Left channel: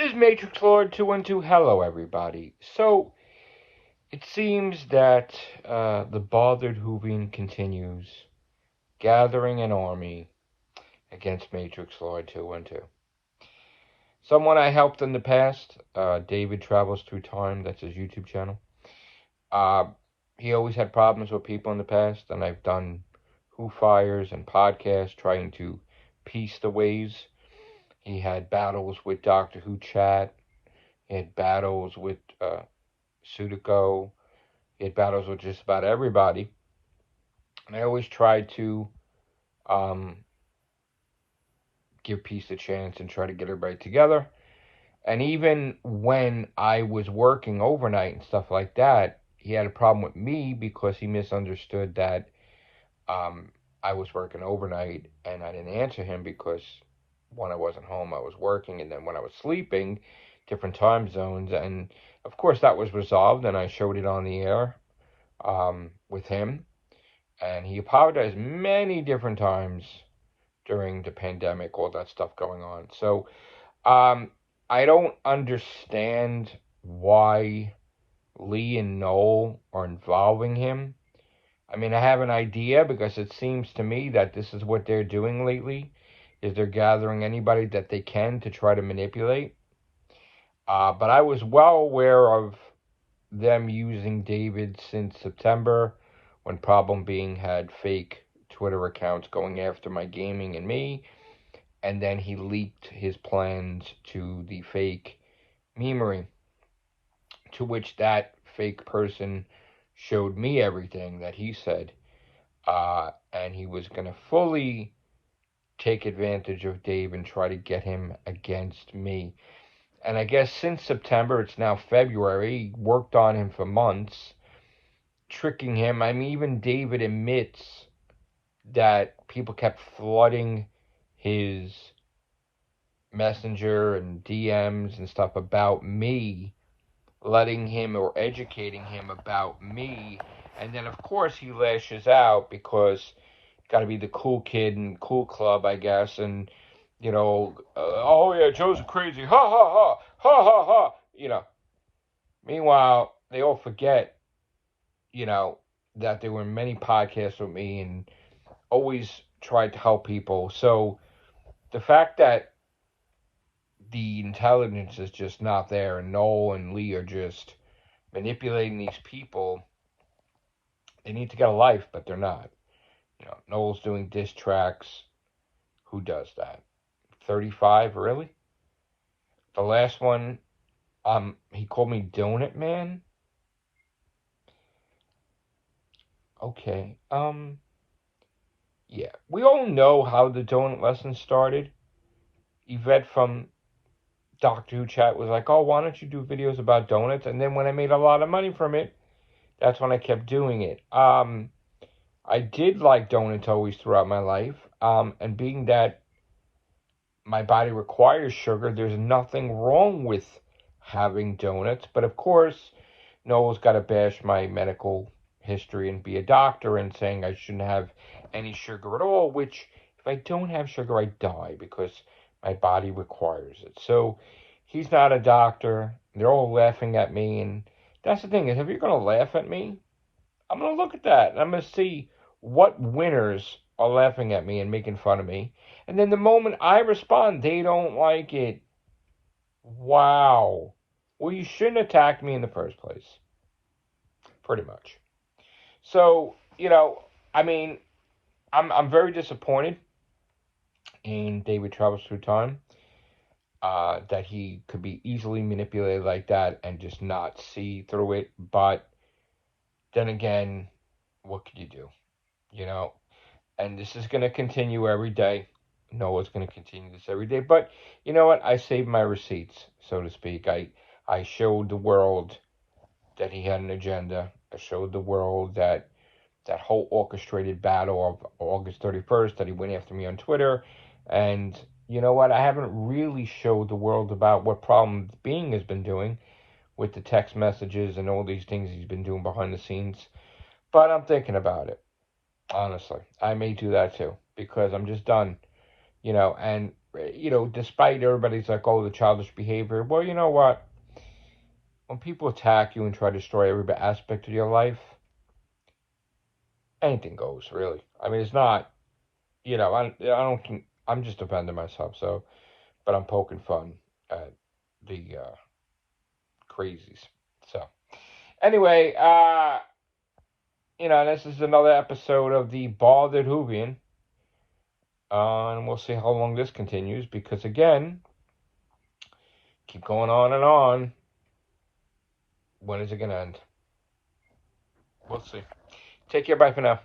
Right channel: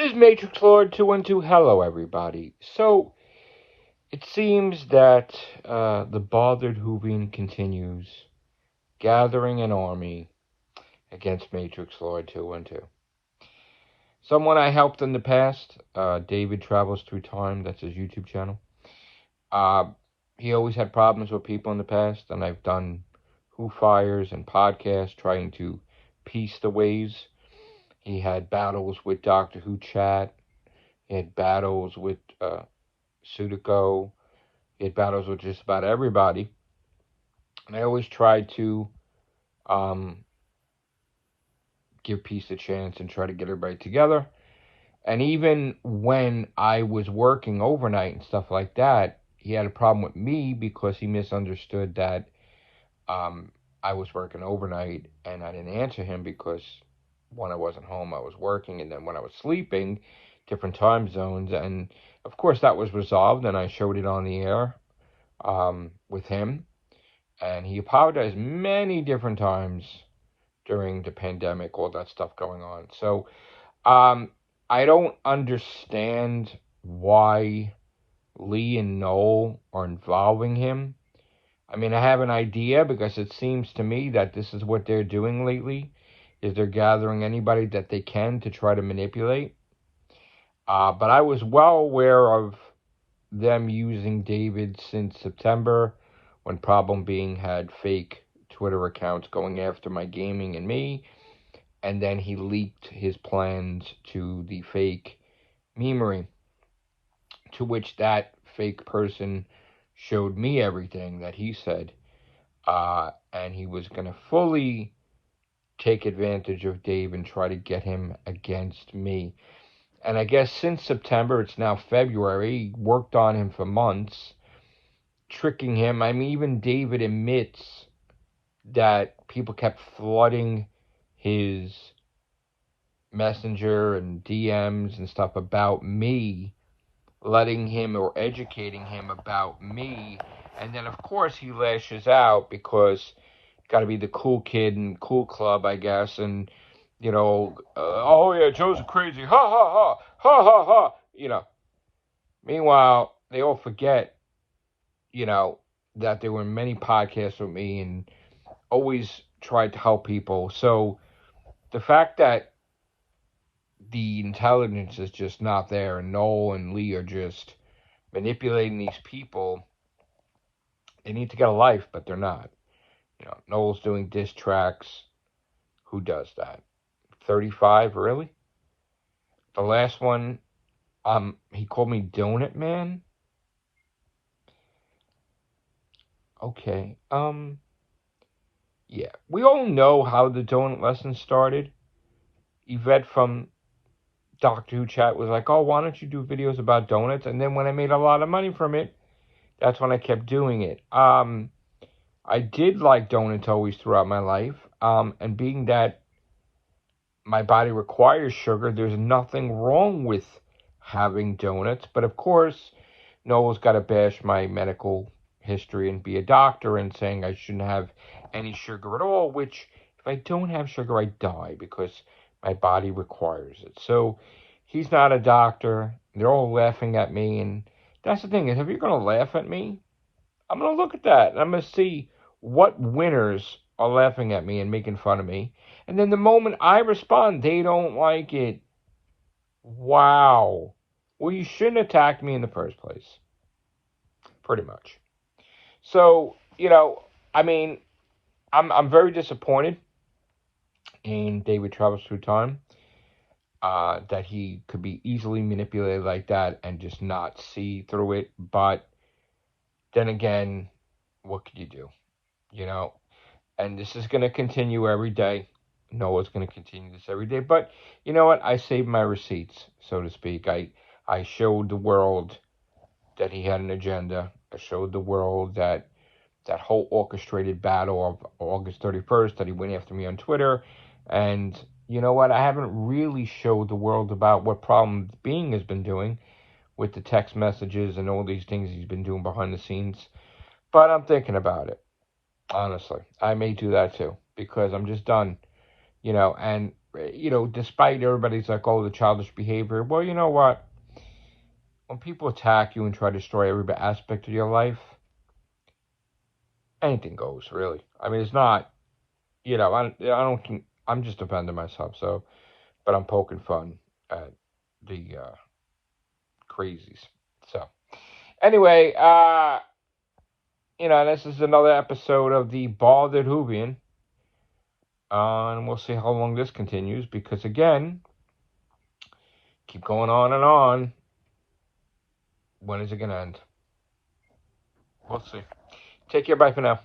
This is Matrix Lord 212. Hello, everybody. So, it seems that the bothered Whovian continues gathering an army against Matrix Lord 212. Someone I helped in the past, David Travels Through Time, that's his YouTube channel. He always had problems with people in the past, and I've done Who Fires and podcasts trying to piece the ways. He had battles with Doctor Who chat. He had battles with Sudoku. He had battles with just about everybody. And I always tried to give peace a chance and try to get everybody together. And even when I was working overnight and stuff like that, he had a problem with me because he misunderstood that I was working overnight and I didn't answer him because when I wasn't home, I was working, and then when I was sleeping, different time zones. And of course, that was resolved, and I showed it on the air with him. And he apologized many different times during the pandemic, all that stuff going on. So I don't understand why Lee and Noel are involving him. I mean, I have an idea because it seems to me that this is what they're doing lately, is they're gathering anybody that they can to try to manipulate. But I was well aware of them using David since September, when Problem Being had fake Twitter accounts going after my gaming and me, and then he leaked his plans to the fake memery, to which that fake person showed me everything that he said, and he was going to fully take advantage of Dave and try to get him against me. And I guess since September, it's now February, he worked on him for months, tricking him. I mean, even David admits that people kept flooding his messenger and DMs and stuff about me, letting him or educating him about me. And then, of course, he lashes out because got to be the cool kid and cool club, I guess. And, you know, oh, yeah, Joe's crazy. Ha, ha, ha. Ha, ha, ha. You know. Meanwhile, they all forget, you know, that there were many podcasts with me and always tried to help people. So the fact that the intelligence is just not there and Noel and Lee are just manipulating these people, they need to get a life, but they're not. You know, Noel's doing diss tracks. Who does that? 35, really? The last one, he called me Donut Man. Okay, yeah. We all know how the donut lesson started. Yvette from Doctor Who chat was like, oh, why don't you do videos about donuts? And then when I made a lot of money from it, that's when I kept doing it. I did like donuts always throughout my life. And being that my body requires sugar, there's nothing wrong with having donuts. But of course, Noel's got to bash my medical history and be a doctor and saying I shouldn't have any sugar at all, which if I don't have sugar, I die because my body requires it. So he's not a doctor. They're all laughing at me. And that's the thing, is if you're going to laugh at me, I'm going to look at that. And I'm going to see what winners are laughing at me and making fun of me. And then the moment I respond, they don't like it. Wow. Well, you shouldn't attack me in the first place. Pretty much. So, you know, I mean, I'm very disappointed in David Travels Through Time, that he could be easily manipulated like that and just not see through it. But then again, what could you do? You know, and this is going to continue every day. Noah's going to continue this every day. But you know what? I saved my receipts, so to speak. I showed the world that he had an agenda. I showed the world that whole orchestrated battle of August 31st, that he went after me on Twitter. And you know what? I haven't really showed the world about what Problem Being has been doing with the text messages and all these things he's been doing behind the scenes. But I'm thinking about it. Honestly, I may do that too, because I'm just done, you know, and despite everybody's like, oh, the childish behavior. Well, you know what? When people attack you and try to destroy every aspect of your life, anything goes, really. I mean, it's not, I don't think, I'm just defending myself, so, but I'm poking fun at the crazies. So, anyway, this is another episode of the Balded Whovian. And we'll see how long this continues, because again, keep going on and on. When is it going to end? We'll see. Take care. Bye for now.